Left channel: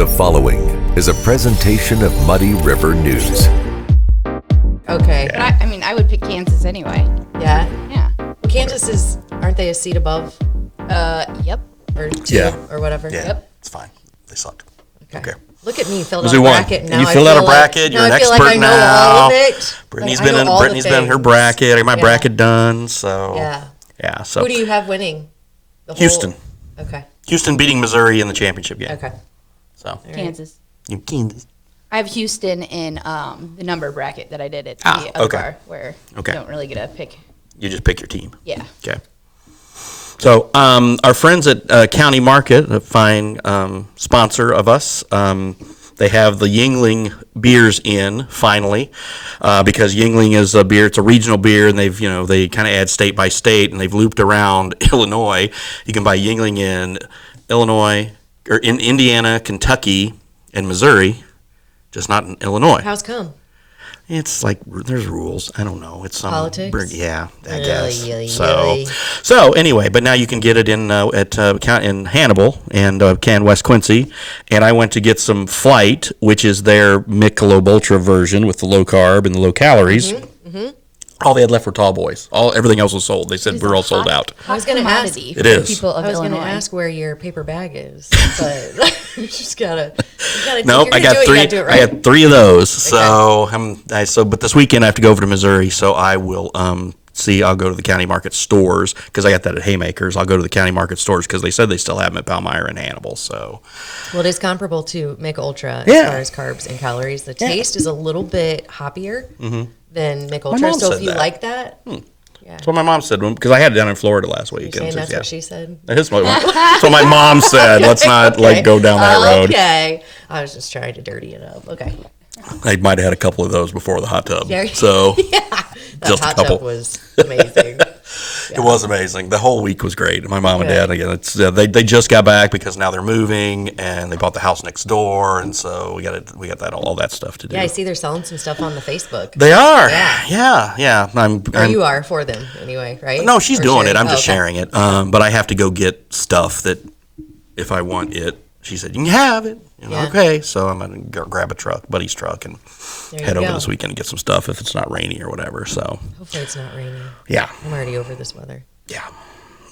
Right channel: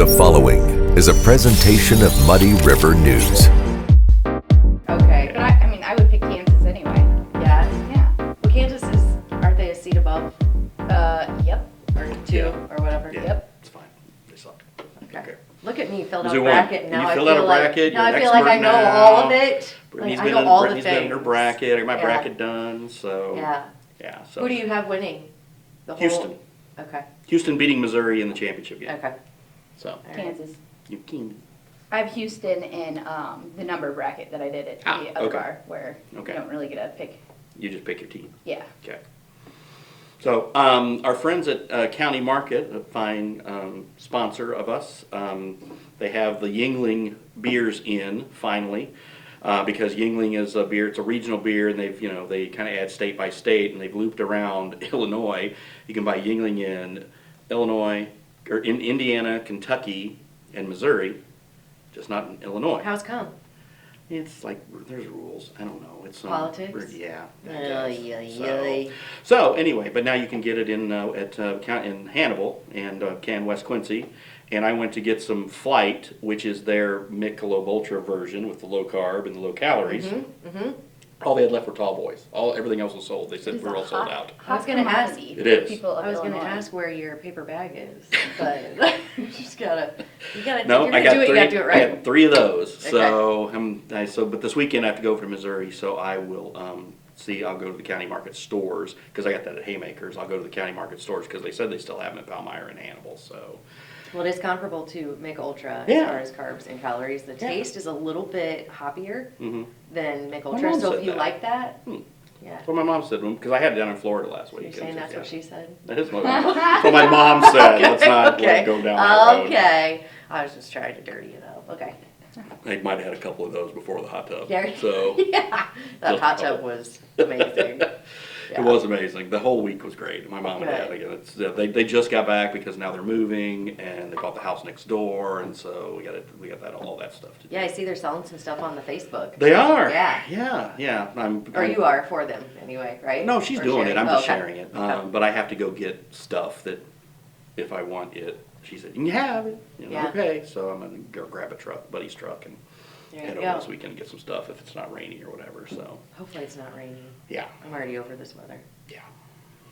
The following is a presentation of Muddy River News. Okay. I would pick Kansas anyway. Yeah? Yeah. Well, Kansas aren't they a seat above? Yep. Or two, Yeah. or whatever? Yeah, Yep. it's fine. They suck. Okay. Okay. Look at me, filled out Who's a who won? bracket. Now You I filled feel out a bracket. Now You're an I feel like I expert know all of now. it. Brittany's Like, I know all the been in her things. bracket. I got my Yeah. bracket done. So Yeah. So Who do you have winning? The whole- Houston. Okay. Houston beating Missouri in the championship game. Okay. So Kansas. Kansas. I have Houston in the number bracket that I did at the other okay. bar, where Okay. you don't really get a pick. You just pick your team. Yeah. Okay. So our friends at County Market, a fine sponsor of us, they have the Yuengling beers in finally, because Yuengling is a beer. It's a regional beer, and they kind of add state by state, and they've looped around Illinois. You can buy Yuengling in Illinois or in Indiana, Kentucky, and Missouri, just not in Illinois. How's come? It's like there's rules. I don't know. It's some Politics? Yeah, I guess. Ay. So anyway, but now you can get it in in Hannibal and West Quincy, and I went to get some Flight, which is their Michelob Ultra version with the low carb and the low calories. All they had left were tall boys. Everything else was sold. They said we're all sold out. I was gonna ask. It is. People of I was going to Illinois. ask where your paper bag is, but you just gotta. Nope, you're I gonna got do it, three. You gotta do it right. I had three of those. So but this weekend I have to go over to Missouri. So I will I'll go to the County Market stores because I got that at Haymakers. I'll go to the County Market stores because they said they still have them at Palmyra and Hannibal. So Well, it is comparable to Make Ultra as Yeah. far as carbs and calories. The taste is a little bit hoppier than Make Ultra. mom So said if you that. like that, yeah. that's what my mom said because I had it down in Florida last week. You're saying that's what she said? That's what my mom said. Let's not go down that road. Okay. I was just trying to dirty it up. Okay. I might have had a couple of those before the hot tub. Yeah. So That just a hot couple. tub was amazing. It was amazing. The whole week was great. My mom and Good. dad, again, they just got back because now they're moving and they bought the house next door, and so we got that all that stuff to do. Yeah, I see they're selling some stuff on the Facebook. They are. Yeah. Yeah. Or you are for them anyway, right? No, she's Or doing sharing? it. I'm just okay. sharing it. But I have to go get stuff that if I want it, she said you can have it. Yeah. Okay, so I'm gonna go grab a buddy's truck, and There you head over go. this weekend and get some stuff if it's not rainy or whatever. So Hopefully it's not raining. yeah, I'm already over this weather. yeah,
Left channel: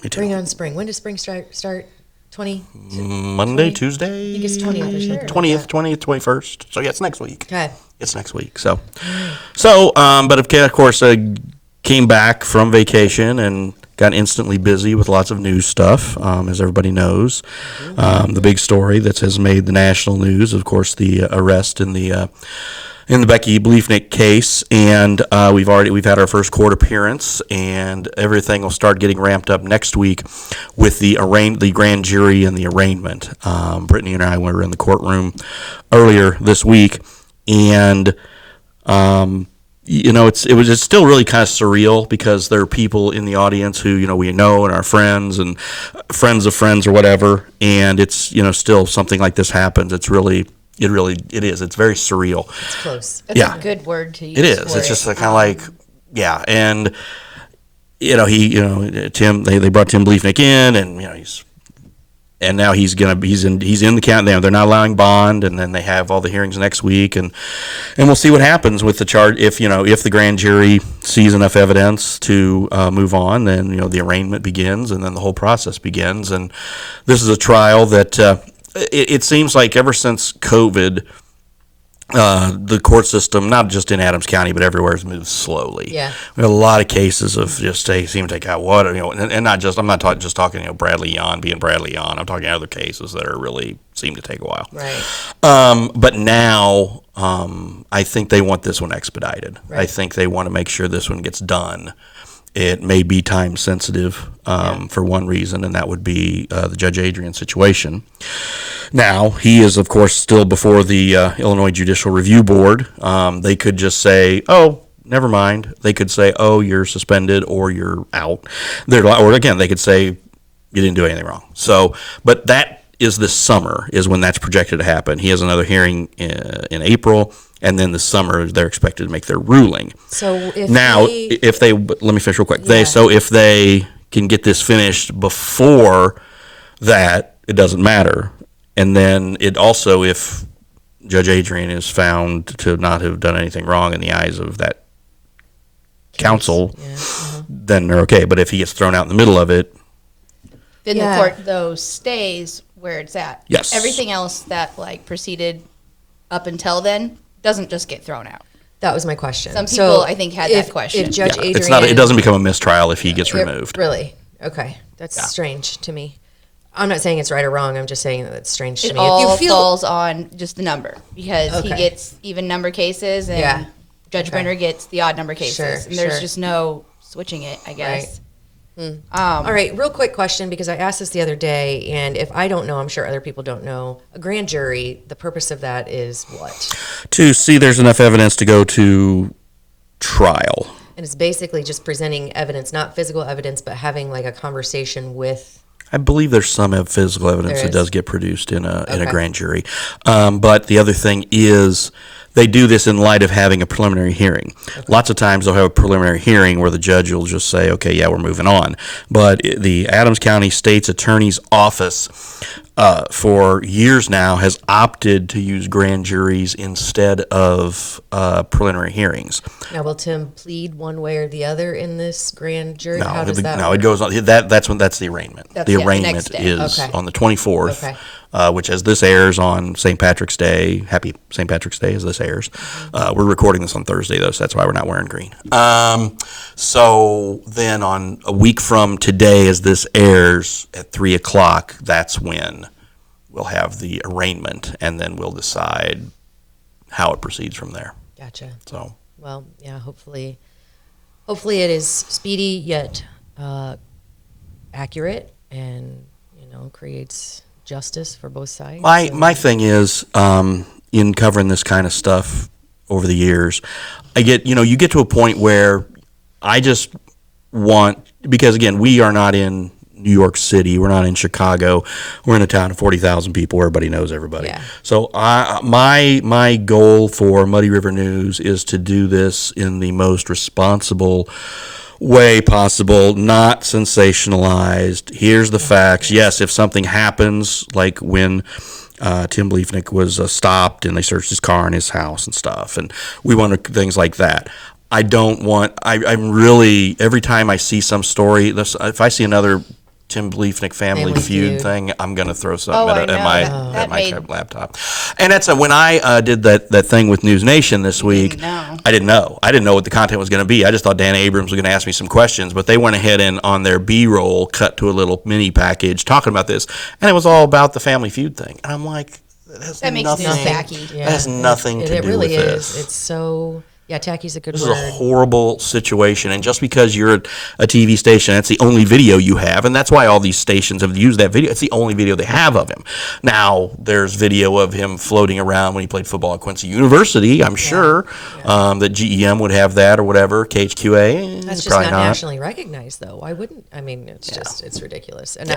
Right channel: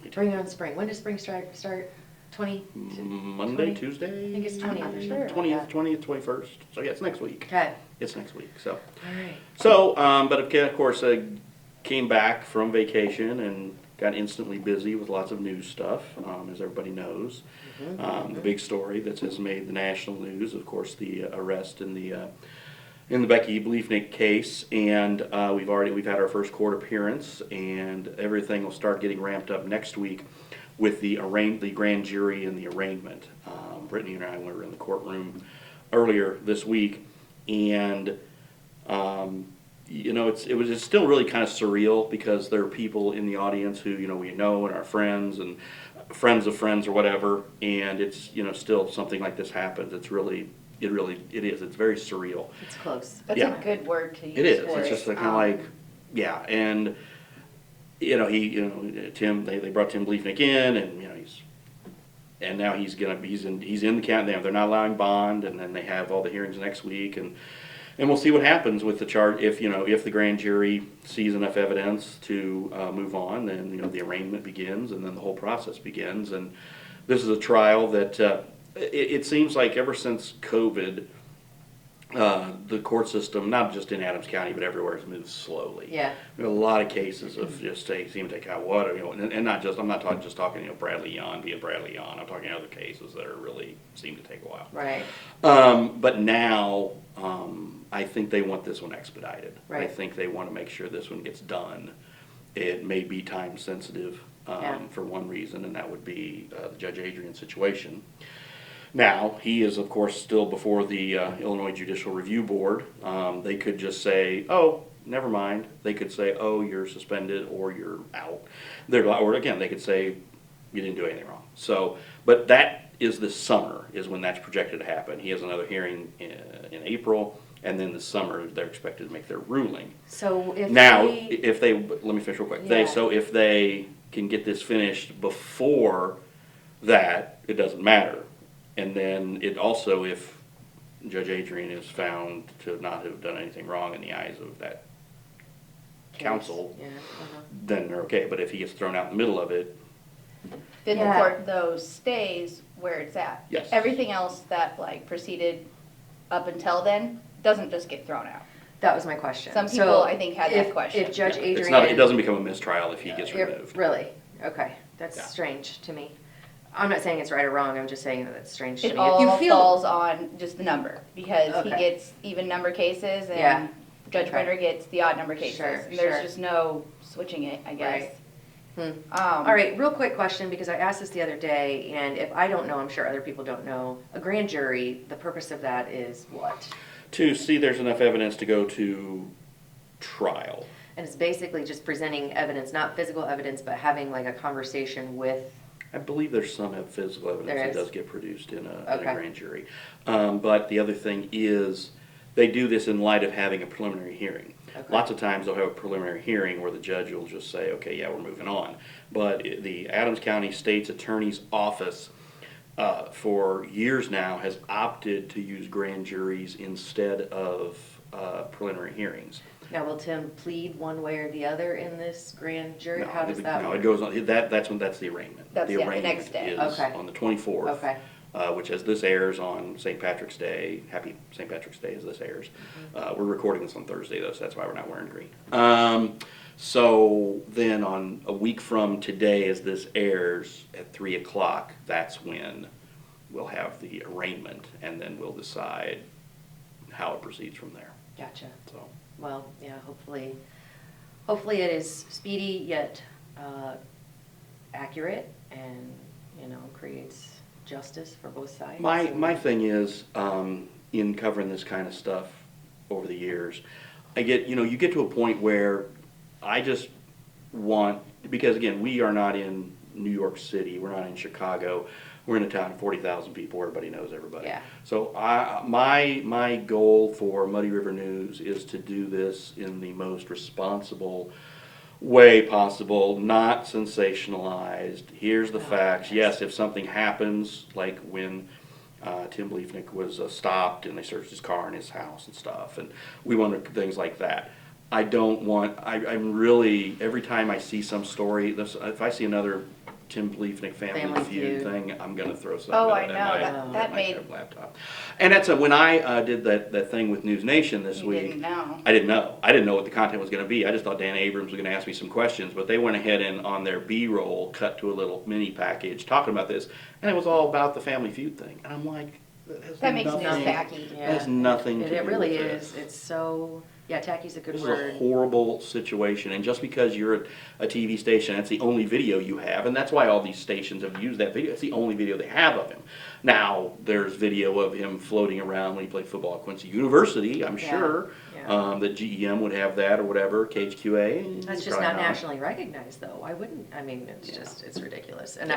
me too. Bring on spring. When does spring start? 20? Monday, 20? Tuesday. I think it's 20th or something. 20th, 21st. So yeah, it's next week. Okay. It's next week. So, but of course, came back from vacation and got instantly busy with lots of news stuff, as everybody knows. The big story that has made the national news, of course, the arrest in the Becky Bliefnick case, and we've had our first court appearance, and everything will start getting ramped up next week with the grand jury and the arraignment. Brittany and I were in the courtroom earlier this week, and it's still really kind of surreal because there are people in the audience who we know and our friends and friends of friends or whatever, and it's still something like this happens. It is. It's very surreal. It's close. That's Yeah. a good word to use. It is. for It's just it. kind of like, yeah. And Tim. They brought Tim Bliefnick in, and now he's in the county. They're not allowing bond, and then they have all the hearings next week, and we'll see what happens with the charge. If the grand jury sees enough evidence to move on, then the arraignment begins, and then the whole process begins. And this is a trial that. It seems like ever since COVID, the court system, not just in Adams County, but everywhere, has moved slowly. Yeah. We have a lot of cases of just seem to take out and not just, I'm not just talking, Bradley Yon being Bradley Yon. I'm talking other cases that are really seem to take a while. Right. But now, I think they want this one expedited. Right. I think they want to make sure this one gets done. It may be time sensitive for one reason, and that would be the Judge Adrian situation. Now, he is, of course, still before the Illinois Judicial Review Board. They could just say, oh, never mind. They could say, oh, you're suspended or you're out. Or again, they could say, you didn't do anything wrong. So, but that is this summer is when that's projected to happen. He has another hearing in April. And then this summer, they're expected to make their ruling. So if let me finish real quick. Yeah. If they can get this finished before that, it doesn't matter. And then it also, if Judge Adrian is found to not have done anything wrong in the eyes of that council, then they're okay. But if he gets thrown out in the middle of it, Then Yeah. the court, though, stays where it's at. Yes. Everything else that, like, proceeded up until then doesn't just get thrown out. That was my question. Some So people, I think, had that if- question. If Judge Adrian, it's not. It doesn't become a mistrial if he gets It- removed. Really? Okay. That's Yeah. strange to me. I'm not saying it's right or wrong. I'm just saying that it's strange to It me. all If you feel falls on just the number, because he Okay. gets even number cases and Yeah. Judge Okay. Brenner gets the odd number cases. Sure, and there's sure. just no switching it, I guess. All right, real quick question, because I asked this the other day, and if I don't know, I'm sure other people don't know. A grand jury, the purpose of that is what? To see there's enough evidence to go to trial. And it's basically just presenting evidence, not physical evidence, but having like a conversation with. I believe there's some physical evidence There that is? does get produced in a Okay. grand jury. But the other thing is they do this in light of having a preliminary hearing. Lots of times they'll have a preliminary hearing where the judge will just say, okay, yeah, we're moving on. But the Adams County State's Attorney's Office for years now has opted to use grand juries instead of preliminary hearings. Now, will Tim plead one way or the other in this grand jury? No, How does that no, work? it goes on. That's the arraignment. That's The the next arraignment day. is Okay. on the 24th, Okay. Which, as this airs on St. Patrick's Day, happy St. Patrick's Day as this airs. We're recording this on Thursday, though, so that's why we're not wearing green. So then on a week from today, as this airs at 3 o'clock, that's when we'll have the arraignment, and then we'll decide how it proceeds from there. Gotcha. So. Well, yeah, hopefully it is speedy yet accurate and, creates justice for both sides. My thing is, in covering this kind of stuff over the years, I get, you get to a point where I just want, because again, we are not in New York City, we're not in Chicago, we're in a town of 40,000 people, everybody knows everybody. Yeah. So my goal for Muddy River News is to do this in the most responsible way possible, not sensationalized. Here's the facts. Yes, if something happens, like when Tim Bliefnick was stopped and they searched his car and his house and stuff, and we want things like that. I don't want, I'm really, every time I see some story, if I see another Tim Bliefnick Family Feud thing, I'm going to throw something Oh, at I know. my laptop. And that's when I did that thing with News Nation this week. know. I didn't know. I didn't know what the content was going to be. I just thought Dan Abrams was going to ask me some questions, but they went ahead and on their B-roll cut to a little mini package talking about this, and it was all about the Family Feud thing. And I'm like, That makes nothing, news tacky. That has nothing to it do really with is. this. It's so, yeah, tacky's a good This is word. a horrible situation, and just because you're a TV station, that's the only video you have, and that's why all these stations have used that video. It's the only video they have of him. Now, there's video of him floating around when he played football at Quincy University, I'm sure, that GEM would have that or whatever, KHQA. That's just probably not nationally recognized, though. Why wouldn't? I mean, it's just, it's ridiculous. And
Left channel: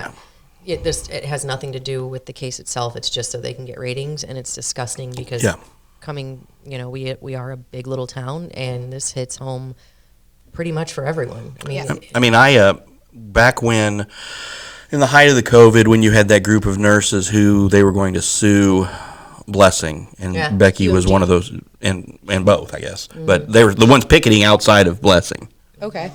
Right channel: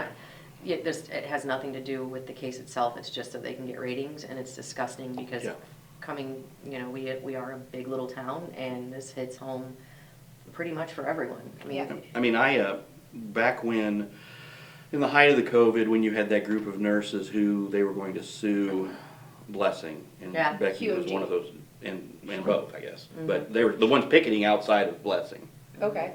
it has nothing to do with the case itself. It's just so they can get ratings, and it's disgusting because we are a big little town, and this hits home pretty much for everyone. I mean, back when, in the height of the COVID, when you had that group of nurses who they were going to sue Blessing, and Becky was one of those, and both, I guess. But they were the ones picketing outside of Blessing. Okay.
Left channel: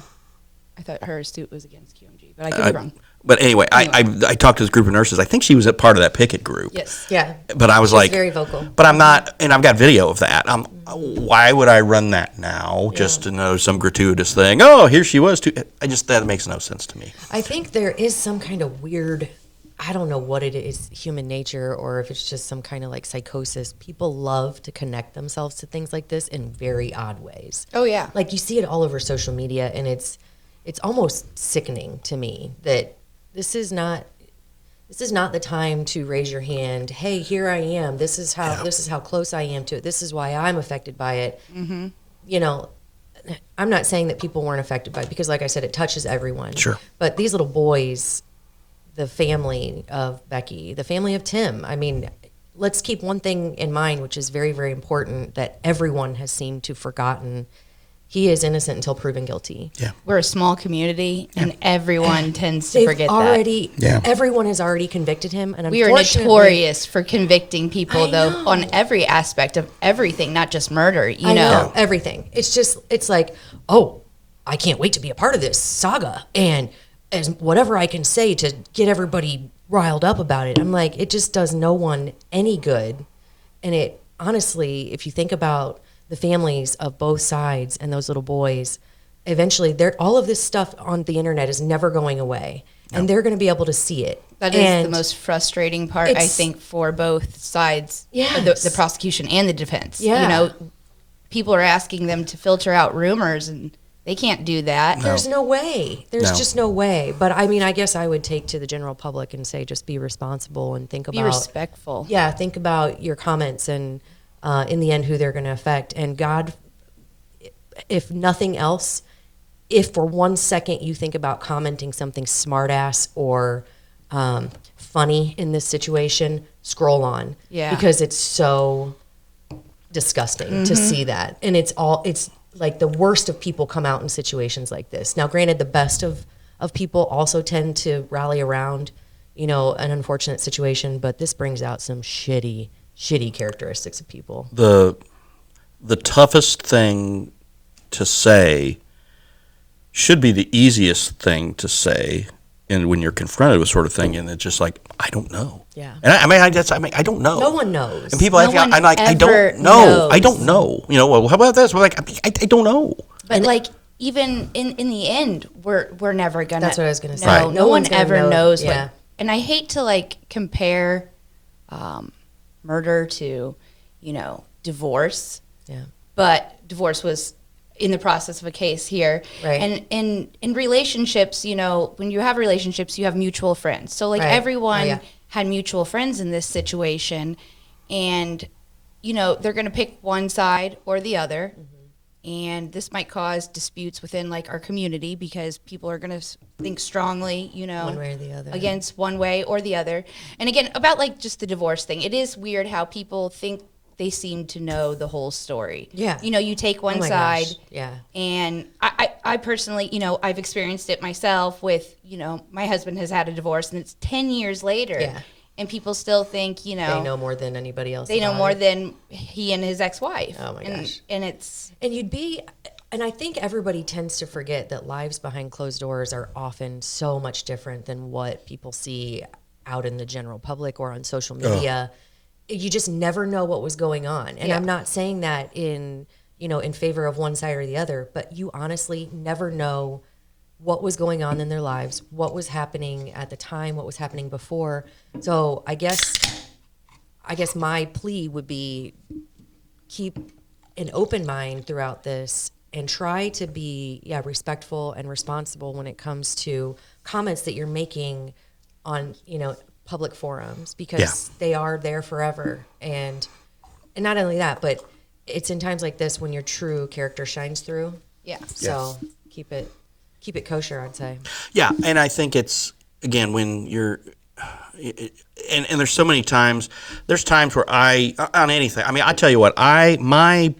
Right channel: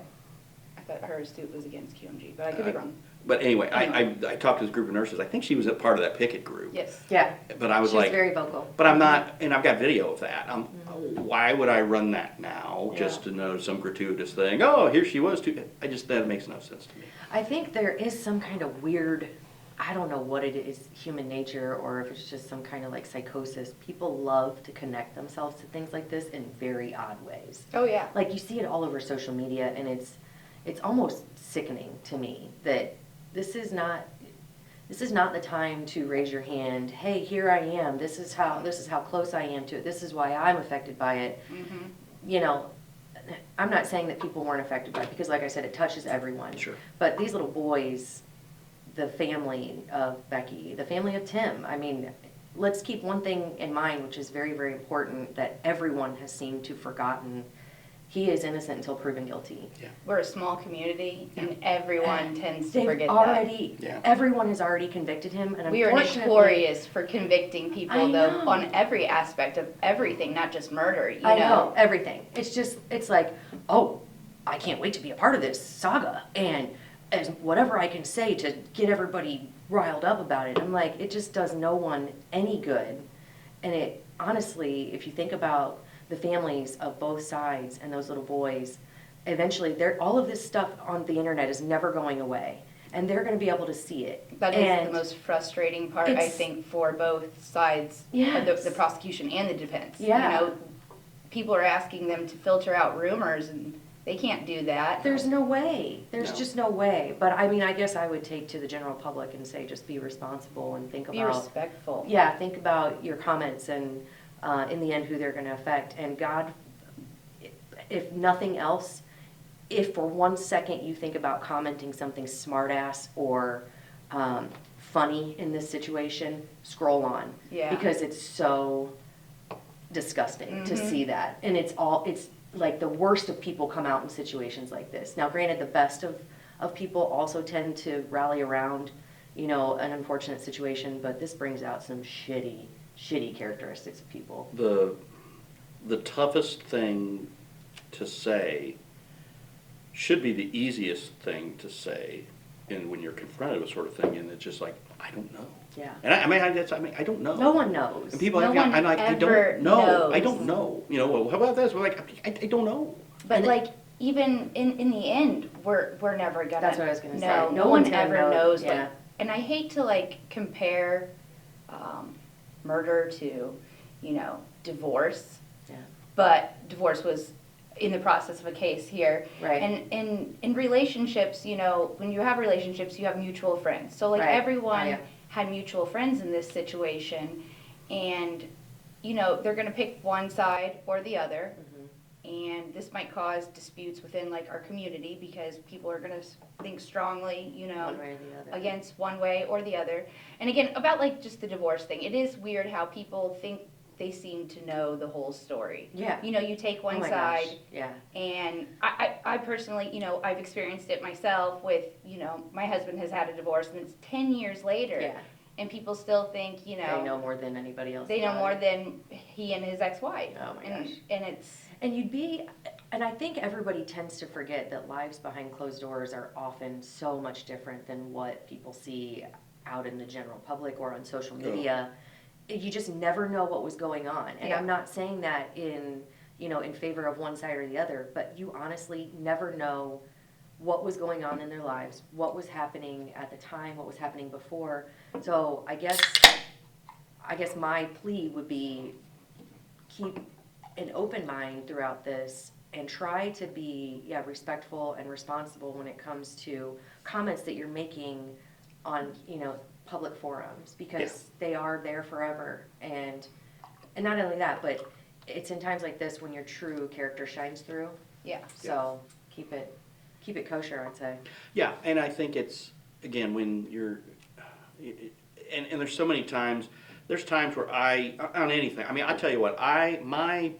I thought her suit was against QMG, but I could be wrong. But anyway, I talked to this group of nurses. I think she was a part of that picket group. Yes. yeah. But I was like, very vocal. But I'm not, and I've got video of that. Why would I run that now just to know some gratuitous thing? Oh, here she was too. That makes no sense to me. I think there is some kind of weird, I don't know what it is, human nature, or if it's just some kind of like psychosis. People love to connect themselves to things like this in very odd ways. Oh, yeah. Like you see it all over social media, and it's almost sickening to me that this is not the time to raise your hand. Hey, here I am. This is how close I am to it. This is why I'm affected by it. Mm-hmm. I'm not saying that people weren't affected by it, because like I said, it touches everyone. Sure. But these little boys, the family of Becky, the family of Tim, I mean, let's keep one thing in mind, which is very, very important, that everyone has seemed to have forgotten, he is innocent until proven guilty. Yeah. We're a small community, and everyone tends to forget that. Everyone has already convicted him, and We are unfortunately, notorious for convicting people, I though, know. on every aspect of everything, not just murder. You I know, everything. It's like, oh, I can't wait to be a part of this saga, and as whatever I can say to get everybody riled up about it. I'm like, it just does no one any good, and it honestly, if you think about the families of both sides and those little boys, eventually all of this stuff on the internet is never going away, and they're going to be able to see it. that is the most frustrating part, I think, for both sides, the prosecution and the defense. Yeah. You know, people are asking them to filter out rumors, and they can't do that. There's no way. There's just no way. But I mean, I guess I would take to the general public and say, just be responsible and think about. Be respectful. Yeah, think about your comments and in the end who they're going to affect. And God, if nothing else, if for 1 second you think about commenting something smartass or funny in this situation, scroll on. Yeah. Because it's so disgusting to see that. And it's like the worst of people come out in situations like this. Now, granted, the best of people also tend to rally around, an unfortunate situation, but this brings out some shitty characteristics of people. The toughest thing to say should be the easiest thing to say, and when you're confronted with sort of thing, and it's just like, I don't know. Yeah. And I don't know. No one knows. And people I don't know. I don't know. Well, how about this? We're like, I don't know. But even in the end, we're never gonna. That's what I was gonna say. Right. No one ever knows. Yeah. And I hate to compare murder to, divorce. Yeah. But divorce was in the process of a case here. Right. And in relationships, when you have relationships, you have mutual friends. So Right. everyone had mutual friends in this situation, and they're going to pick one side or the other. And this might cause disputes within our community because people are going to think strongly, One way or the other. against one way or the other. And again, about just the divorce thing, it is weird how people think they seem to know the whole story. Yeah. You take one Oh my side. gosh. Yeah. And I personally, I've experienced it myself with, my husband has had a divorce and it's 10 years later. Yeah. And people still think, They know more than anybody else. they know about more it. than he and his ex-wife. Oh my gosh. And it's... And I think everybody tends to forget that lives behind closed doors are often so much different than what people see out in the general public or on social media. You just never know what was going on. And Yeah. I'm not saying that in favor of one side or the other, but you honestly never know what was going on in their lives, what was happening at the time, what was happening before. So I guess my plea would be keep an open mind throughout this and try to be respectful and responsible when it comes to comments that you're making on public forums, because they are there forever. And not only that, but it's in times like this when your true character shines through. Yeah. So keep it kosher, I'd say. Yeah, and I think it's, again, when you're, and there's so many times, there's times where on anything, I tell you what, my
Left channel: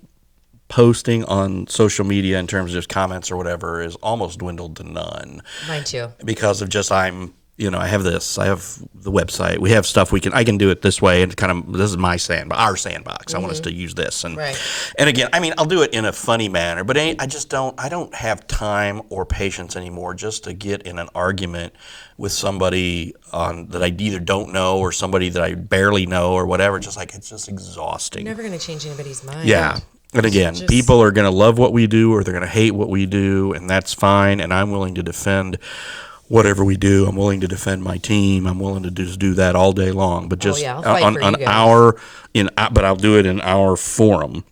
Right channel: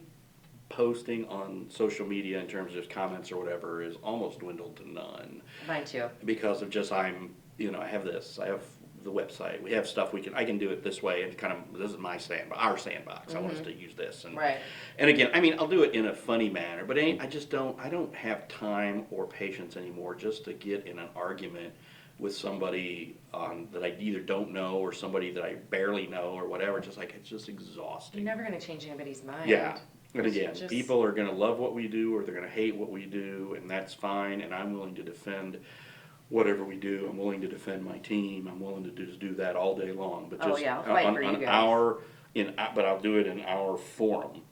posting on social media in terms of just comments or whatever is almost dwindled to none. Mine too. Because of just, I have this, I have the website, we have stuff I can do it this way, and this is my sandbox, our sandbox. I want us to use this. And Right. and again, I'll do it in a funny manner, but I don't have time or patience anymore just to get in an argument with somebody that I either don't know or somebody that I barely know or whatever. It's just exhausting. You're never going to change anybody's mind. Yeah. And again, people are going to love what we do or they're going to hate what we do, and that's fine. And I'm willing to defend whatever we do. I'm willing to defend my team. I'm willing to just do that all day long. But just I'll fight for you guys. but I'll do it in our forum.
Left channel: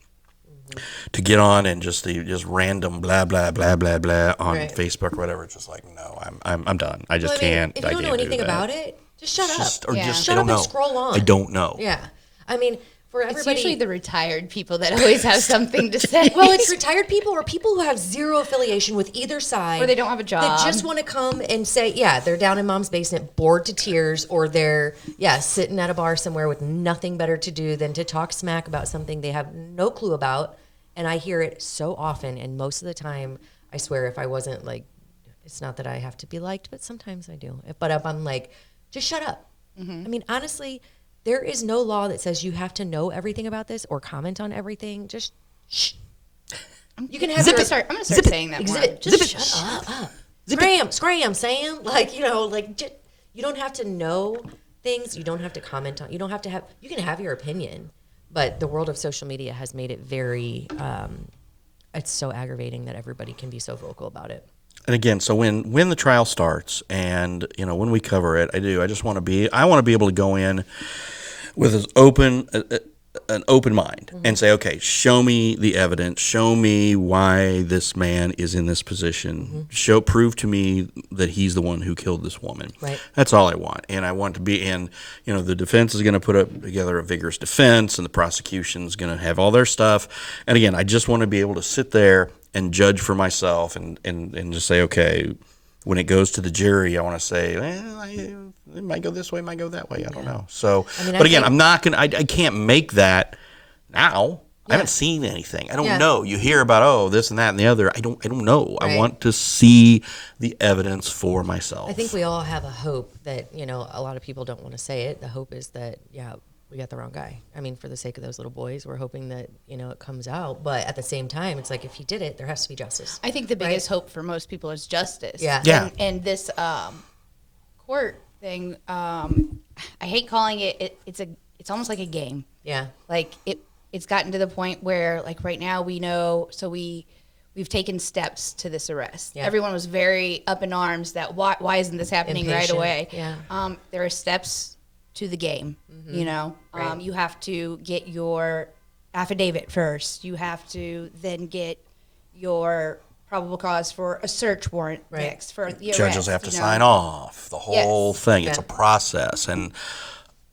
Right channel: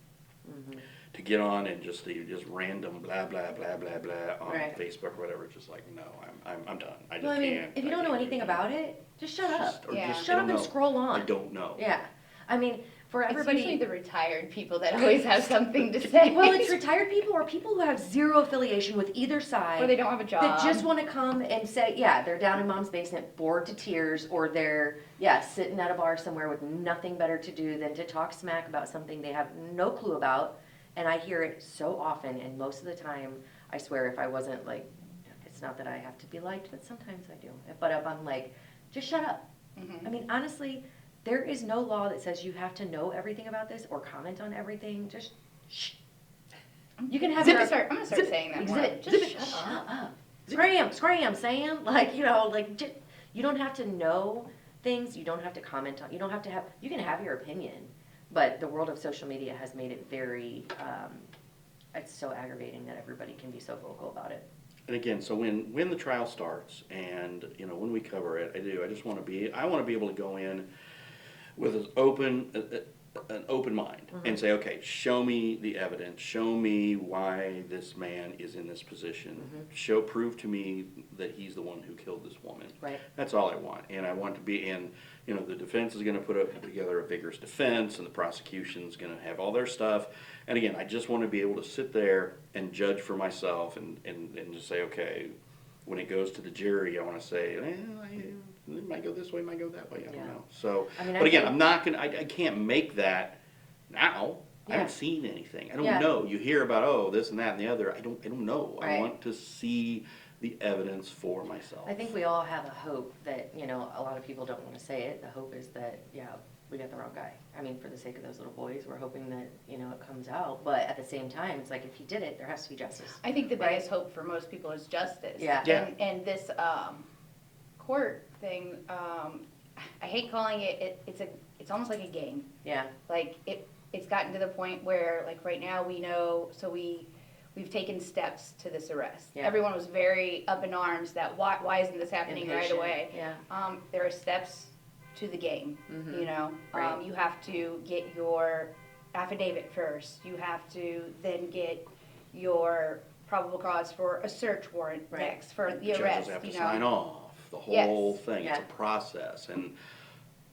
To get on and just random blah blah blah blah blah on Right. Facebook or whatever, it's just no, I'm done. I just Well, can't. If you don't know anything about it, just shut up. Shut I up don't and know. scroll on. I don't know. Yeah. For It's everybody. usually the retired people that always have something to say. Well, it's retired people or people who have zero affiliation with either side. Or they don't have a job. That just want to come and say, they're down in mom's basement, bored to tears, or they're, sitting at a bar somewhere with nothing better to do than to talk smack about something they have no clue about. And I hear it so often, and most of the time, I swear, if I wasn't like, it's not that I have to be liked, but sometimes I do. But if I'm like, just shut up. I mean, honestly, there is no law that says you have to know everything about this or comment on everything. Just shh. You can have I'm gonna start saying that more. Just shut up. Scram, Sam. Like, you don't have to know things. You don't have to comment on. You don't have to have. You can have your opinion, but the world of social media has made it very. It's so aggravating that everybody can be so vocal about it. And again, so when the trial starts, and when we cover it, I just want to be able to go in with an open mind and say, okay, show me the evidence, show me why this man is in this position, prove to me that he's the one who killed this woman. Right. That's all I want, and I want to be in. The defense is going to put up together a vigorous defense, and the prosecution's going to have all their stuff. And again, I just want to be able to sit there and judge for myself, and just say, okay, when it goes to the jury, I want to say, it might go this way, it might go that way. I don't know. So, but again, I'm not gonna. I can't make that now. I haven't seen anything. I don't know. You hear about this and that and the other. I don't know. Right. I want to see the evidence for myself. I think we all have a hope that a lot of people don't want to say it. The hope is that we got the wrong guy. I mean, for the sake of those little boys, we're hoping that it comes out. But at the same time, it's like if he did it, there has to be justice. I think the biggest hope for most people is justice. Yeah. And this court thing, I hate calling it. It's almost like a game. Yeah. Like it's gotten to the point where, like, right now we know. So we've taken steps to this arrest. Yeah. Everyone was very up in arms that why isn't this happening right Impatient. away? Yeah. There are steps to the game. Right. You have to get your affidavit first. You have to then get your probable cause for a search warrant next for the arrest. Judges have to sign off the whole thing. It's a process, and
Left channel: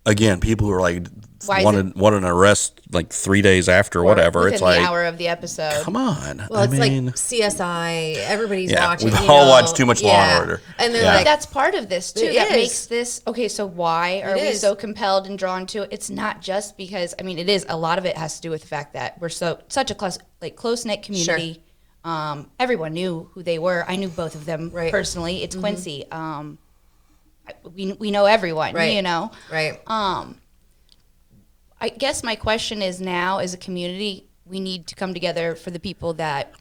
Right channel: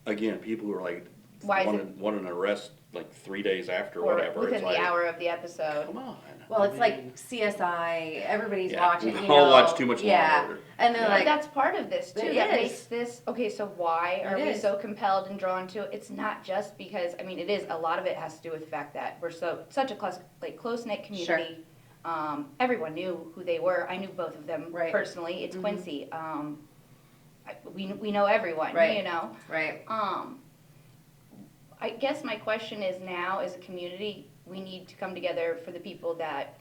again, people who are like wanted an arrest like 3 days after or whatever. Within It's like the hour of the episode. Come on. Well, it's like CSI. Everybody's watching. We've all watched too much Law and Order. And then But that's part of this too. That makes this okay. So why are we is. so compelled and drawn to it? It's not just because it is a lot of it has to do with the fact that we're such a close knit community. Sure. Everyone knew who they were. I knew both of them personally. It's Mm-hmm. Quincy. We know everyone. Right. Right. I guess my question is now, as a community, we need to come together for the people that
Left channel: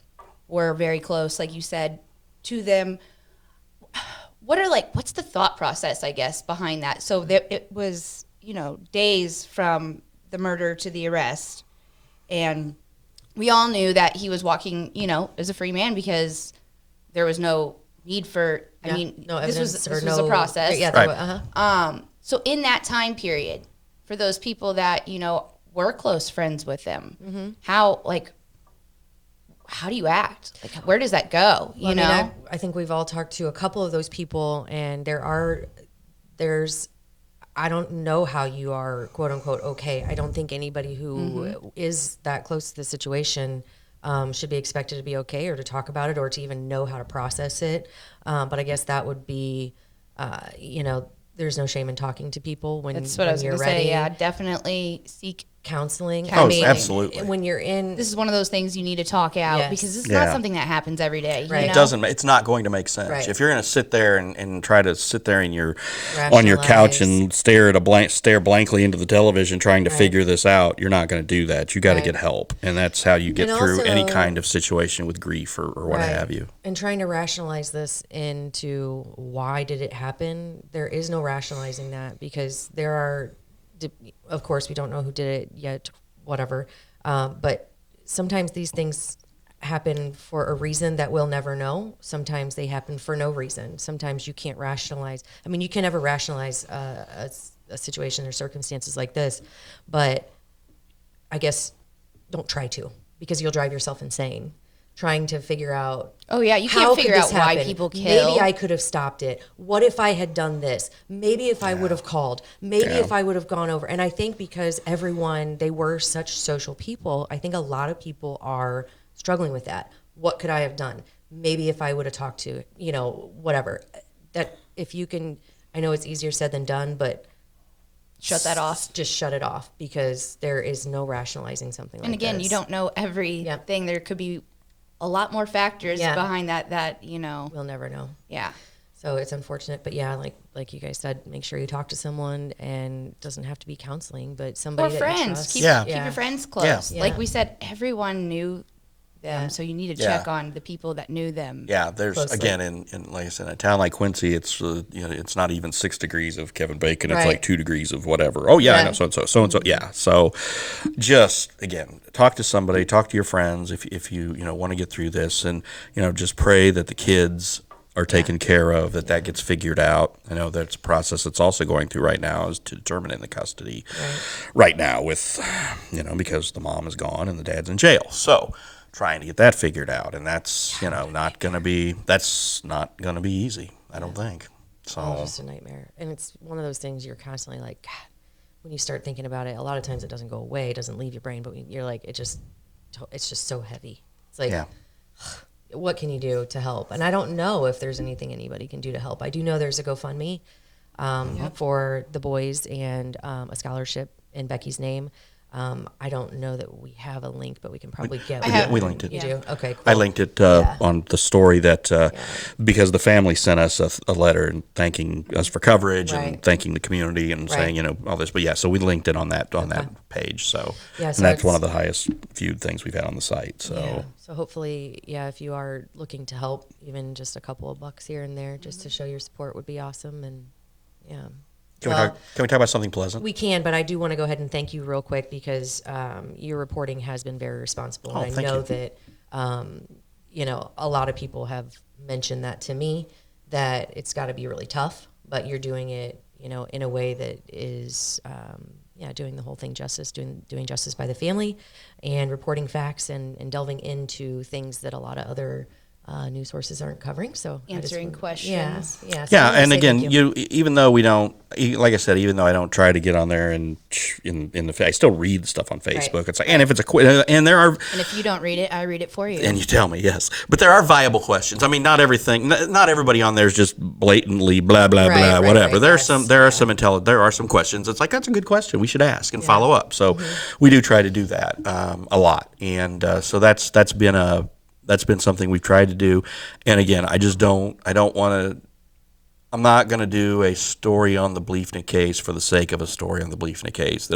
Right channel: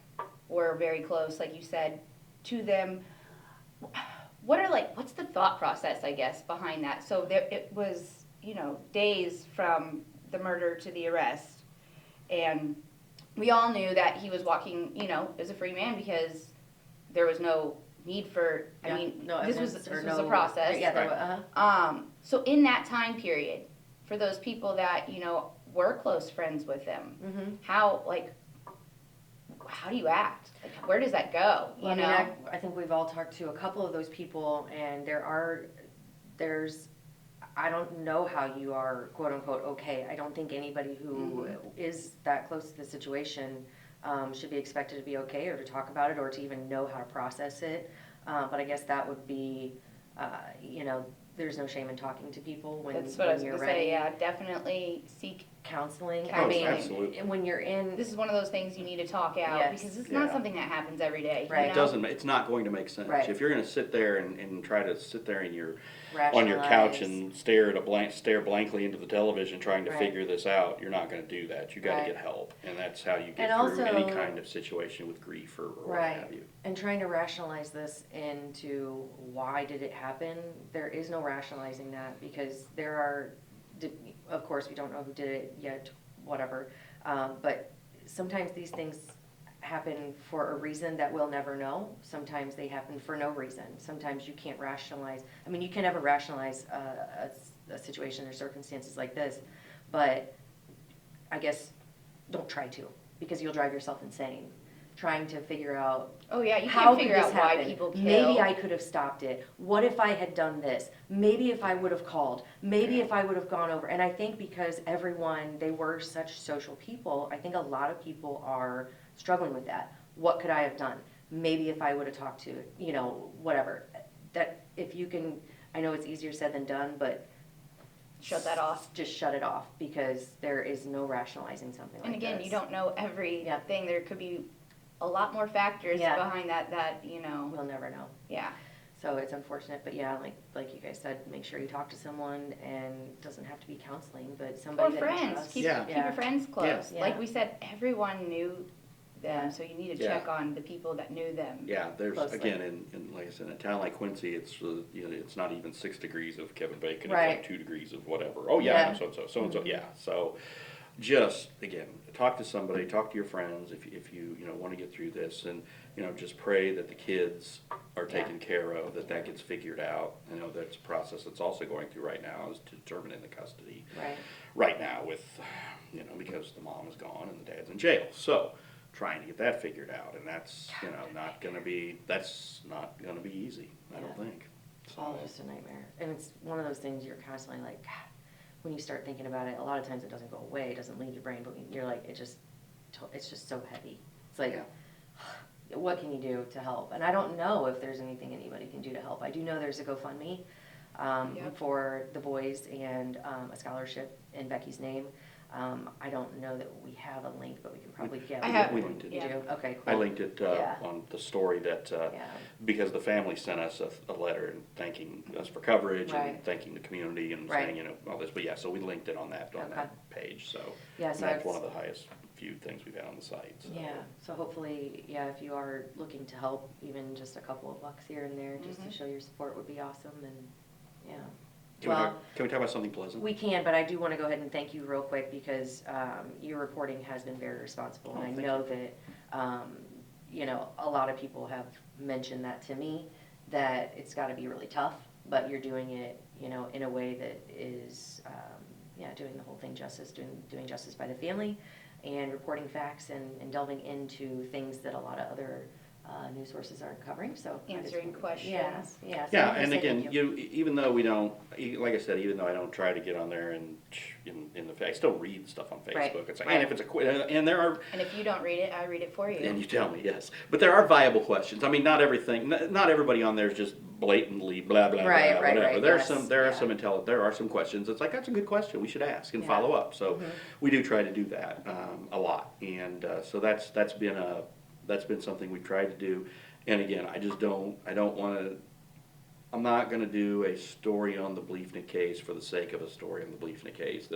were very close, like you said, to them. What's the thought process, I guess, behind that? So it was, days from the murder to the arrest, and we all knew that he was walking, as a free man because there was no need for. No evidence this or was a process. So in that time period, for those people that were close friends with him, how do you act? Like, where does that go? You know, I think we've all talked to a couple of those people, and there's I don't know how you are quote unquote okay. I don't think anybody who is that close to the situation should be expected to be okay or to talk about it or to even know how to process it. But I guess that would be, there's no shame in talking to people when that's what I was you're going to ready. say. Yeah, definitely seek counseling. Absolutely. When you're in, this is one of those things you need to talk out because it's not something that happens every day. Right. You It know? doesn't. It's not going to make sense. Right. If you're going to sit there and try to sit there on your couch and stare blankly into the television trying to figure this out, you're not going to do that. You got to get help, and that's how you get through any kind of situation with grief or what have you. And trying to rationalize this into why did it happen? There is no rationalizing that because there are, of course, we don't know who did it yet. Whatever, but sometimes these things happen for a reason that we'll never know. Sometimes they happen for no reason. Sometimes you can't rationalize. I mean, you can never rationalize a situation or circumstances like this, but I guess don't try to because you'll drive yourself insane trying to figure out. Oh yeah, you can't figure out why people kill. Maybe I could have stopped it. What if I had done this? Maybe if I would have called. Maybe if I would have gone over. And I think because they were such social people, I think a lot of people are struggling with that. What could I have done? Maybe if I would have talked to, whatever. That if you can, I know it's easier said than done, but shut that off. Just shut it off, because there is no rationalizing something like And again, this. you don't know everything. There could be a lot more factors behind that, We'll never know. Yeah. So it's unfortunate, but yeah, like you guys said, make sure you talk to someone, and it doesn't have to be counseling, but somebody Or that you friends. trust. Keep your friends close. Yeah. Like we said, everyone knew them, Yeah. so you need to check on the people that knew them. Yeah, there's Closely. again in like I said, in a town like Quincy, it's it's not even 6 degrees of Kevin Bacon. It's Right. like 2 degrees of whatever. Oh yeah, I know so and so. Yeah, so just again, talk to somebody, talk to your friends if you want to get through this, and just pray that the kids are taken care of, that gets figured out. I know that's a process that's also going through right now, is to determine the custody right now with because the mom is gone and the dad's in jail. So trying to get that figured out, and that's not going to be easy, I don't think. So Oh, just a nightmare. And it's one of those things you're constantly like, God, when you start thinking about it, a lot of times it doesn't go away, it doesn't leave your brain, but you're like, it's just so heavy. It's like, what can you do to help? And I don't know if there's anything anybody can do to help. I do know there's a GoFundMe for the boys, and a scholarship in Becky's name. I don't know that we have a link, but we can probably get one. we linked it. You do? Okay, cool. I linked it on the story that because the family sent us a letter and thanking us for coverage and thanking the community and saying all this. But so we linked it on that page. So, so and that's one of the highest viewed things we've had on the site. So so hopefully, if you are looking to help, even just a couple of bucks here and there, just to show your support would be awesome. And Can we talk about something pleasant? We can, but I do want to go ahead and thank you real quick, because your reporting has been very responsible. And I know that, a lot of people have mentioned that to me, that it's got to be really tough, but you're doing it, in a way that is, doing the whole thing justice, doing justice by the family, and reporting facts and delving into things that a lot of other news sources aren't covering. So Answering questions. So Yeah, I wanna and say again, thank you. even though we don't, like I said, even though I don't try to get on there and I still read stuff on Facebook. It's like, and if it's and there are, And if you don't read it, I read it for you. and you tell me, yes, but there are viable questions. I mean, not everybody on there is just blatantly blah blah blah whatever. There are some questions. It's like, that's a good question, we should ask and follow up. So we do try to do that a lot, and so that's been something we've tried to do. And again, I'm not going to do a story on the Bliefnick case for the sake of a story on the Bliefnick case.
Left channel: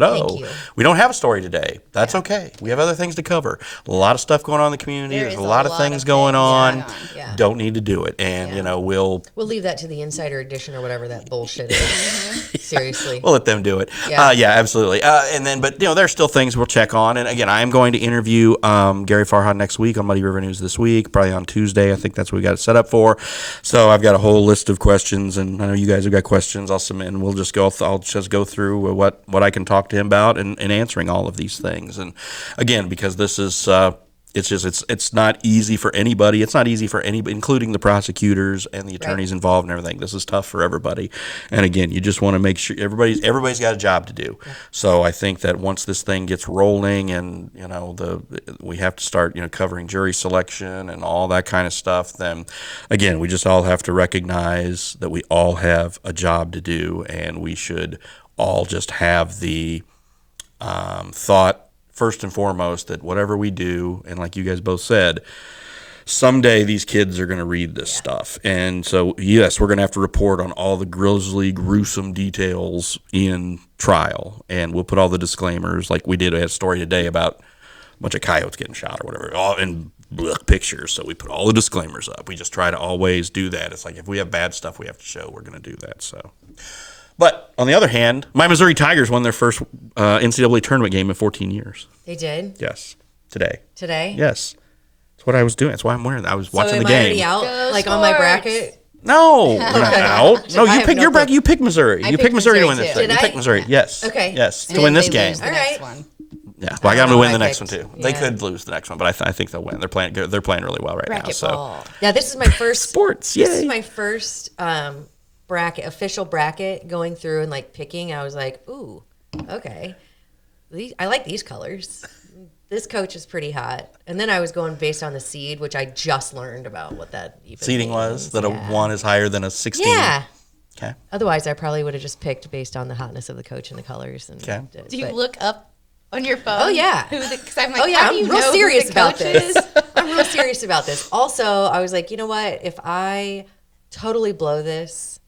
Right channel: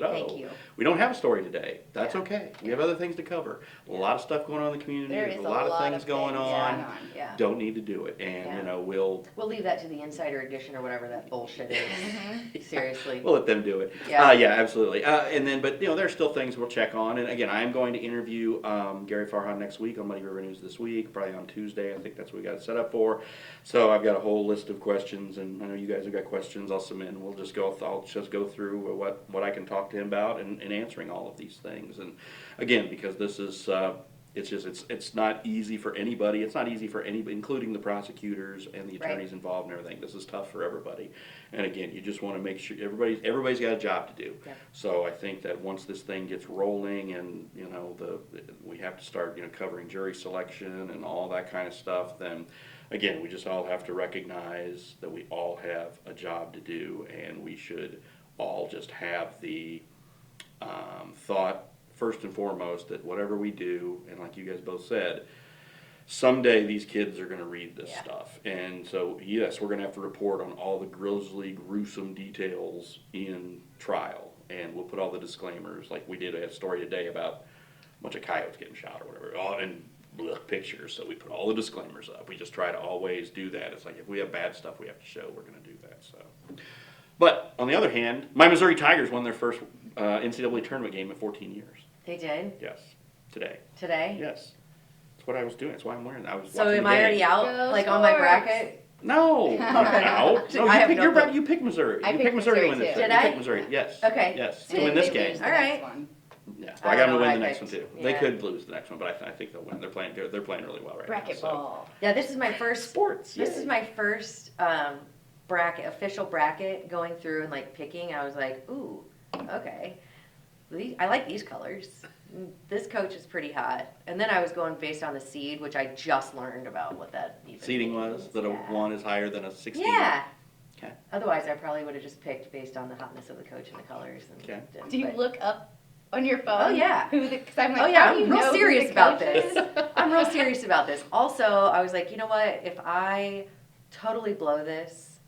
We don't have a story today. That's okay. We have other things to cover. A lot of stuff going on in the community. There's a lot of things going on. Yeah. Don't need to do it. And, we'll leave that to the Insider Edition or whatever that bullshit is. Seriously. We'll let them do it. Yeah. Absolutely. But there's still things we'll check on. And again, I am going to interview Gary Farhad next week on Muddy River News this week, probably on Tuesday. I think that's what we got it set up for. So I've got a whole list of questions, and I know you guys have got questions. I'll submit, and I'll just go through what I can talk to him about and answering all of these things. And again, because this is it's not easy for anybody. It's not easy for anybody, including the prosecutors and the attorneys involved and everything. This is tough for everybody. And again, you just want to make sure everybody's got a job to do. Yep. So I think that once this thing gets rolling, and we have to start covering jury selection and all that kind of stuff, then again, we just all have to recognize that we all have a job to do, and we should all just have the thought, first and foremost, that whatever we do, and like you guys both said, someday these kids are going to read this stuff. And so, yes, we're going to have to report on all the grisly, gruesome details in trial. And we'll put all the disclaimers, like we did. We had a story today about a bunch of coyotes getting shot or whatever, all in pictures. So we put all the disclaimers up. We just try to always do that. It's like, if we have bad stuff we have to show, we're going to do that. So. But on the other hand, my Missouri Tigers won their first NCAA tournament game in 14 years. They did? Yes. Today? Yes. That's what I was doing. That's why I'm wearing that. I was watching the am I game. already out, Go on my Sports. bracket? No, you're not out. No, you picked your bracket. You picked Missouri. You picked Missouri to win this too. thing. Did You I? picked Missouri. Yes. Okay. Yes, to And win this they game. lose the All next right. one. Yeah, well, I got them to win the I next one picked. too. They Yeah. could lose the next one, but I think they'll win. They're playing really well right now. So Racquetball. Yeah, this is my first sports. This is Yay. my first official bracket going through and picking. I was like, ooh, okay. I like these colors. This coach is pretty hot. And then I was going based on the seed, which I just learned about what that even Seeding means. was that a 1 is higher than a 16. Yeah. Okay. Otherwise, I probably would have just picked based on the hotness of the coach and the colors. And Okay. Do you but- look up on your phone? Oh, yeah. Because I'm like, Oh yeah, how do you I'm know real who serious the about coach this. is? I'm real serious about this. Also, I was like, you know what? If I totally blow this,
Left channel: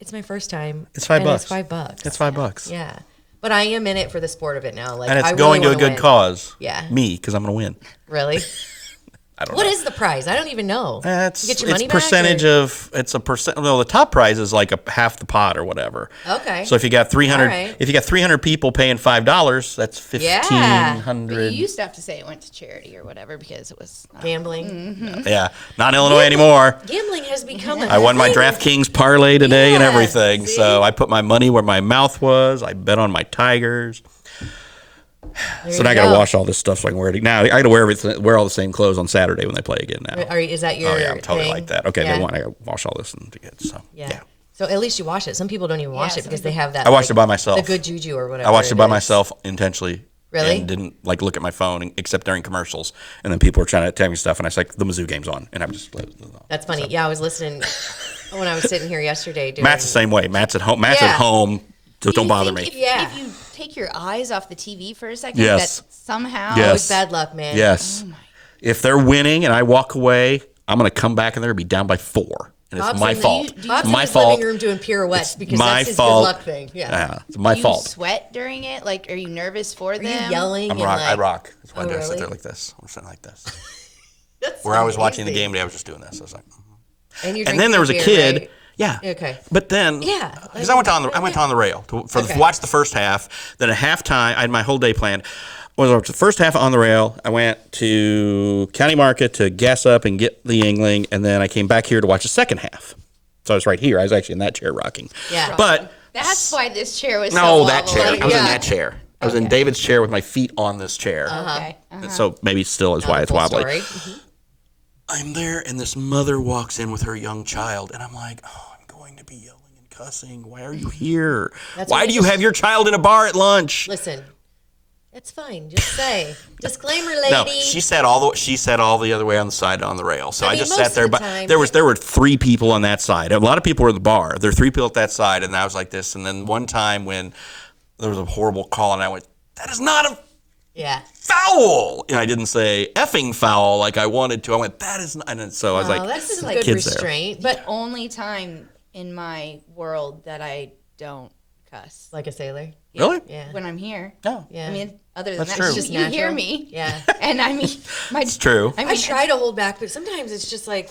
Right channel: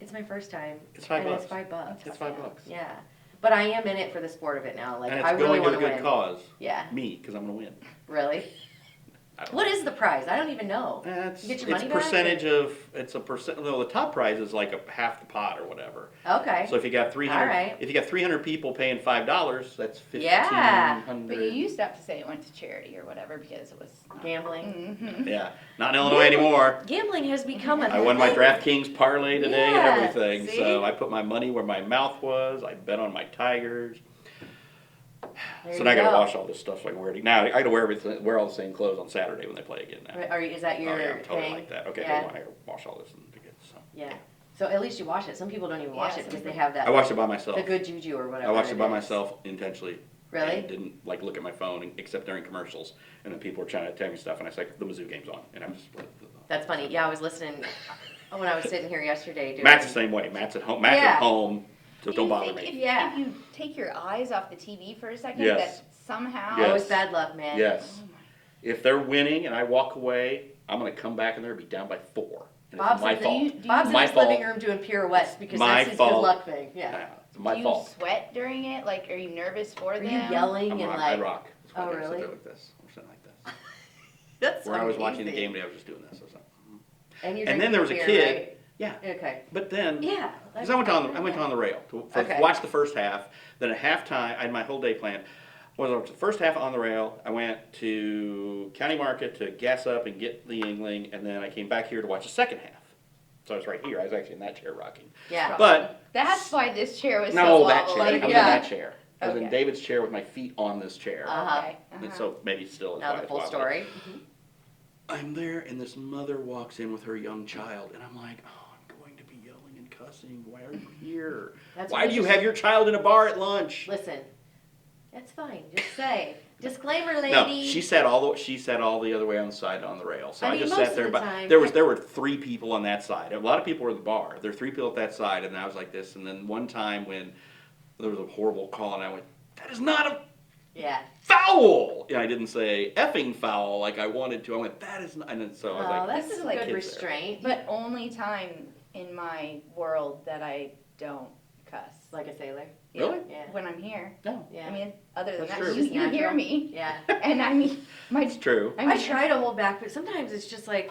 it's my first time. It's $5. And it's $5. It's $5. Yeah, but I am in it for the sport of it now. Like, And it's I going really to a wanna good win. cause. Yeah. Me, because I'm going to win. Really? I don't What know. is the prize? I don't even know. It's, You get your it's money percentage back, of it's a percent. No, the top prize is like a half the pot or whatever. Okay. So if you got 300, All right. if you got 300 people paying $5, that's Yeah. But you 1,500. used to have to say it went to charity or whatever because it was. Gambling. Yeah, not in Illinois anymore. Gambling has become a I won my thing. DraftKings parlay today and Yeah, everything. see? So I put my money where my mouth was. I bet on my Tigers. There So you now I got to go. wash all this stuff so I can wear it. Now I got to wear all the same clothes on Saturday when they play again. Now. Is that your Oh yeah, I'm totally thing? like that. Okay, Yeah. they want I got to wash all this and get so Yeah. So at least you wash it. Some people don't even wash Yeah, it some because they people- have that. I watched like, it by myself. The good juju or whatever. I watched it by is. myself intentionally. Really? And didn't like look at my phone except during commercials. And then people were trying to tell me stuff, and I was like, "The Mizzou game's on," and I just. That's funny. Yeah, I was listening when I was sitting here yesterday. Doing, Matt's the same way. Matt's at home. Matt's Yeah. at home. So Do don't you bother think me. If, Yeah. if you take your eyes off the TV for a second, Yes. that somehow. Yes. Always bad luck, man. Yes. Oh my. If they're winning and I walk away, I'm going to come back and they're going to be down by 4. And it's Bob's my in the- fault. do you- Bob's It's my in his fault. living room doing pirouettes because my that's his fault. good luck thing. Yeah. Yeah, it's my Do you fault. sweat during it? Like, are you nervous for Are them? you yelling? I'm and rock. like, I rock. That's why Oh, I sit really? there like this. I'm sitting like this. That's Where I was watching the amazing. game today, I was just doing this. I was like, And, you're and then there was a drinking kid. beer, right? Yeah. Okay. But then, Yeah, because like- I went on the rail to Okay. watch the first half. Then at halftime, I had my whole day planned. Was the first half on the rail. I went to County Market to gas up and get the Yuengling, and then I came back here to watch the second half. So I was right here. I was actually in that chair rocking. Yeah. But That's why this chair was no, so that chair. wobbly. I was in Yeah. that chair. I was in Okay. David's chair with my feet on this chair. Okay. And so maybe still is Now why the it's full wobbly. story. I'm there, and this mother walks in with her young child, and I'm like, oh, I'm going to be yelling and cussing. Why are you here? That's Why what do it you is. have your child in a bar at lunch? Listen, it's fine. Just say disclaimer, No, lady. she sat all the other way on the side on the rail. So I I, mean, just most sat of there. the But time, there were 3 people on that side. A lot of people were at the bar. There were 3 people at that side, and I was like this. And then one time when there was a horrible call, and I went, "That is not a Yeah. foul!" And I didn't say effing foul like I wanted to. I went, "That is not." And then, so I was Oh, like, that's some like good kids there. restraint. But only time in my world that I don't cuss. Like a sailor. "Really? Yeah. When I'm here. No, Yeah. I mean, other than That's that, true. it's just Just you hear natural. me. Yeah. And I mean, it's true." I mean, I try to hold back, but sometimes it's just like,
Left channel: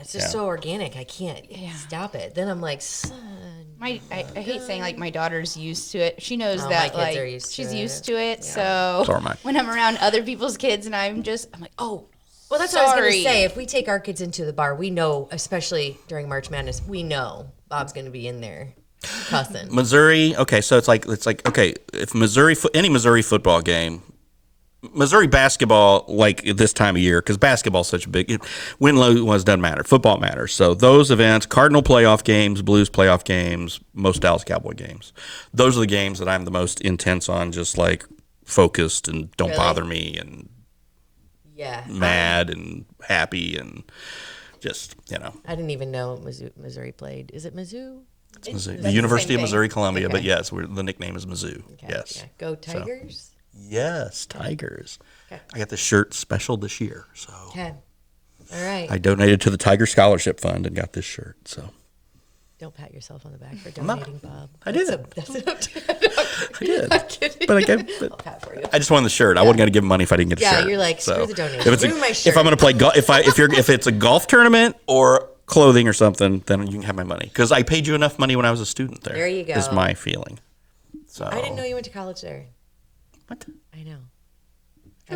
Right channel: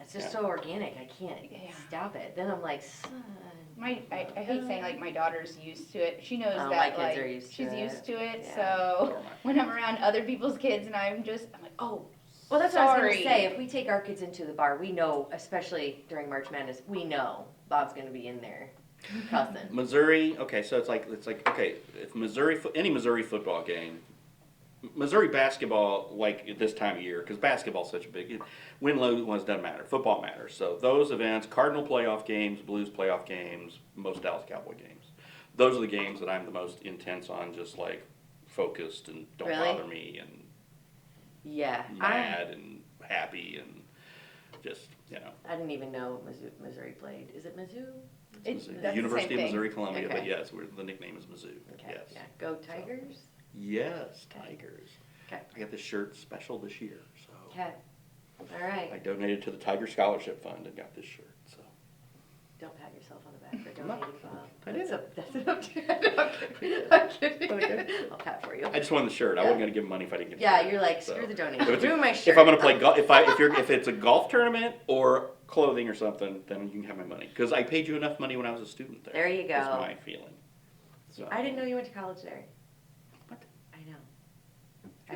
it's just Yeah. so organic. I can't stop it. Then I'm like, son. I hate saying like my daughter's used to it. She knows Oh, my that kids like are used to she's it. used to it. Yeah. So So am I. when I'm around other people's kids and I'm like, oh, Well, that's what I was going to sorry. say. If we take our kids into the bar, we know, especially during March Madness, we know Bob's going to be in there cussing. Missouri. Okay, so it's like okay, if any Missouri football game, Missouri basketball, like at this time of year, because basketball's such a big win lose doesn't matter. Football matters. So those events, Cardinal playoff games, Blues playoff games, most Dallas Cowboy games, those are the games that I'm the most intense on. Just like focused and don't Really? bother me and Yeah. mad and happy and just I didn't even know Missouri played. Is it Mizzou? Mizzou. the The University same of thing. Missouri Columbia. But Okay. yes, the nickname is Mizzou. Okay, Yes. yeah. Go Tigers. Yes, Tigers. Okay. I got the shirt special this year, so Okay. All right. I donated to the Tiger Scholarship Fund and got this shirt. So Don't pat yourself on the back for not. donating, Bob. I did. That's I did, I'm kidding. but I gave. I'll pat for you. I just wanted the shirt. I wasn't gonna give money if I didn't get a Yeah, shirt. you're like, screw the donation. If, Ruin my if I'm shirt. gonna play golf, if it's a golf tournament or clothing or something, then you can have my money because I paid you enough money when I was a student there. There you go. Is my feeling. So I didn't know you went to college there. What? I know.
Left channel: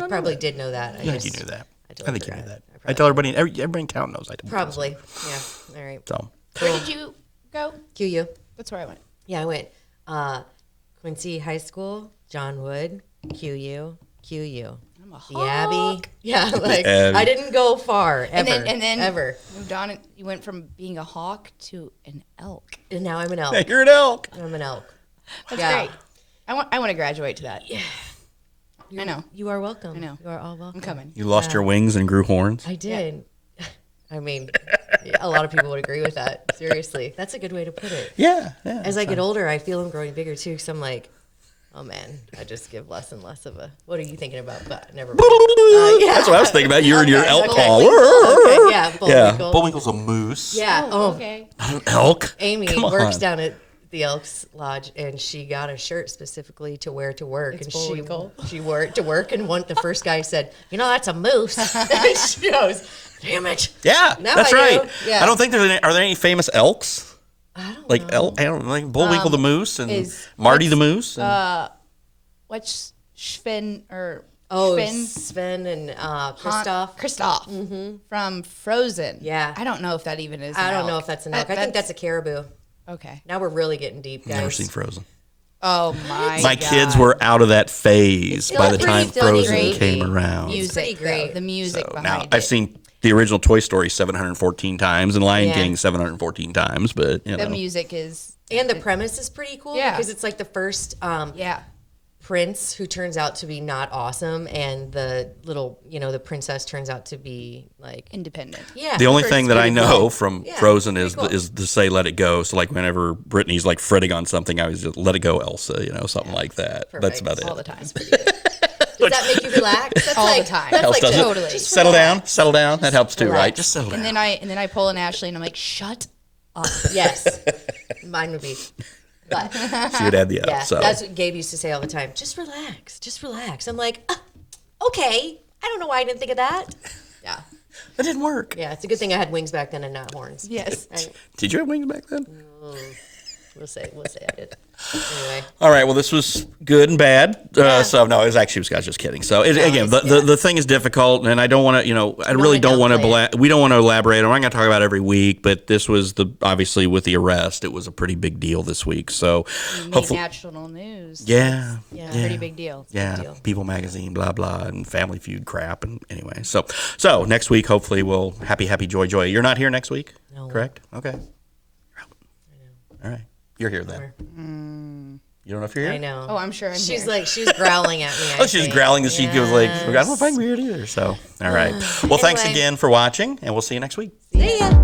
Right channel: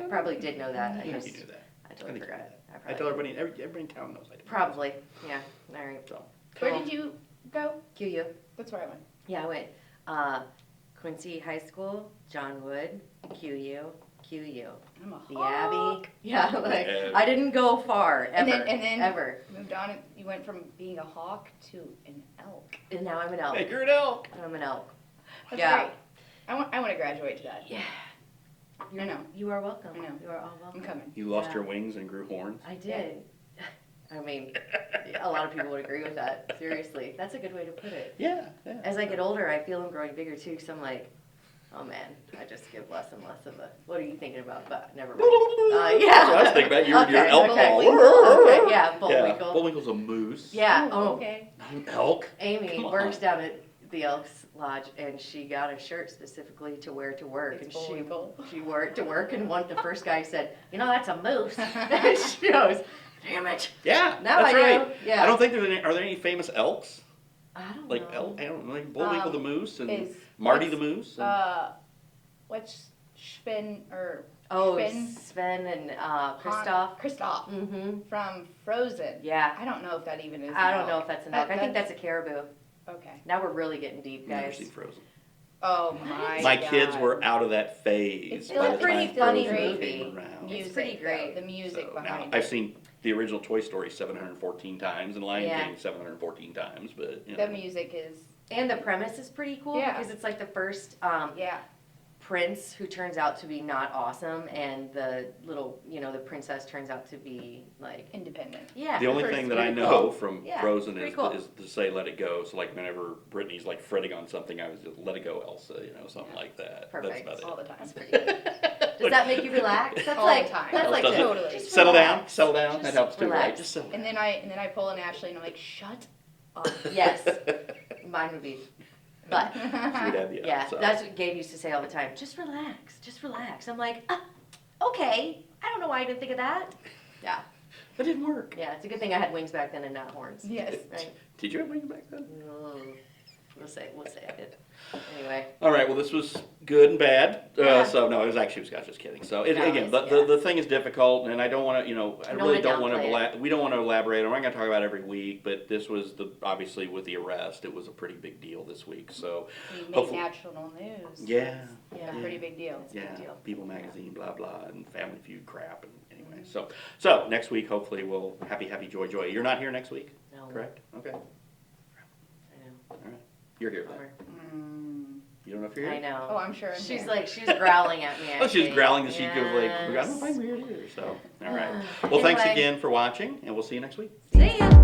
I probably did know that. I think you knew that. I I totally think you knew forgot. that. I I probably tell everybody in town knows I did. Probably. Yeah. All right. So where did you go? QU. That's where I went. Yeah, I went Quincy High School, John Wood, QU. I'm a The Abbey. hawk. Yeah, like Abbey. I didn't go far ever. And then ever. moved on. And you went from being a hawk to an elk. And now I'm an elk. you're an elk. I'm an elk. That's Yeah. great. I want to graduate to that. Yeah. I know. You are welcome. I know. You are all welcome. I'm coming. You lost your wings and grew horns. I did. I mean, A lot of people would agree with that. Seriously, that's a good way to put it. Yeah. As I get older, I feel I'm growing bigger too. Because I'm like, oh man, I just give less and less of a. What are you thinking about? But never mind. Yeah. That's what I was thinking about. You and your elk call. Okay, yeah, Yeah, Bullwinkle. Bullwinkle's a moose. Yeah. Okay. Not an elk. Amy Come works on. down at the Elks Lodge, and she got a shirt specifically to wear to work. It's and Bullwinkle. she wore it to work, and the first guy said, "That's a moose." And she goes, "Damn it!" Yeah, Now that's I right. do. Yeah. I don't think are there any famous elks? I don't Like know. I don't know, like Bullwinkle the moose and is- Marty the moose. And, What's Sven or Oh, Sven? Sven and Kristoff. Kristoff from Frozen. Yeah. I don't know if that even is. I an don't know elk. if that's an elk. I think that's a caribou. Okay. Now we're really getting deep, guys. never seen Frozen. Oh my. My kids were out of that phase still by a the pretty time funny Frozen movie. came around. music. pretty though, great. the music So behind now it. I've seen the original Toy Story 714 times and Lion Yeah. King 714 times, but you the know. music is. And the premise is pretty cool Yeah. because it's like the first Yeah. prince who turns out to be not awesome, and the little, the princess turns out to be like, Independent. yeah. The only first thing that I pretty know cool. from Yeah, Frozen pretty is cool. is to say "Let it go." So like whenever Brittany's like fretting on something, I was just "Let it go, Elsa," something like that. That's Perfect. about it. All the time. Does that make you relax? That's All like, the time. That's Helps, like doesn't it? Totally. Just Settle relax. down, settle down. That helps too, right? relax. Just settle down. And then I pull an Ashley and I'm like, shut up. Yes, mine would be. But She would add the yeah, F. So that's what Gabe used to say all the time. Just relax, just relax. I'm like, okay. I don't know why I didn't think of that. Yeah, that didn't work. yeah. It's a good thing I had wings back then and not horns. Yes. Right? Did you have wings back then? We'll say I did. Anyway. All right. Well, this was good and bad. So no, it was actually I was just kidding. So again, the thing is difficult, and I don't want to. I really don't want to. We don't want to elaborate. I'm not going to talk about it every week, but this was obviously with the arrest, it was a pretty big deal this week. So Made hopefully, national news. yeah. Pretty big deal. Yeah, deal. People Magazine, blah blah, and Family Feud crap, and anyway. So next week, hopefully, we'll happy joy. You're not here next week, No. correct? Okay. All right, you're here then. You don't know if you're here. I know. Oh, I'm sure I'm She's here. like, she's growling at me. Oh, she's growling that she was like, I don't know if I'm here either. So, all right. Well, thanks Anyway. again for watching, and we'll see you next week. See ya.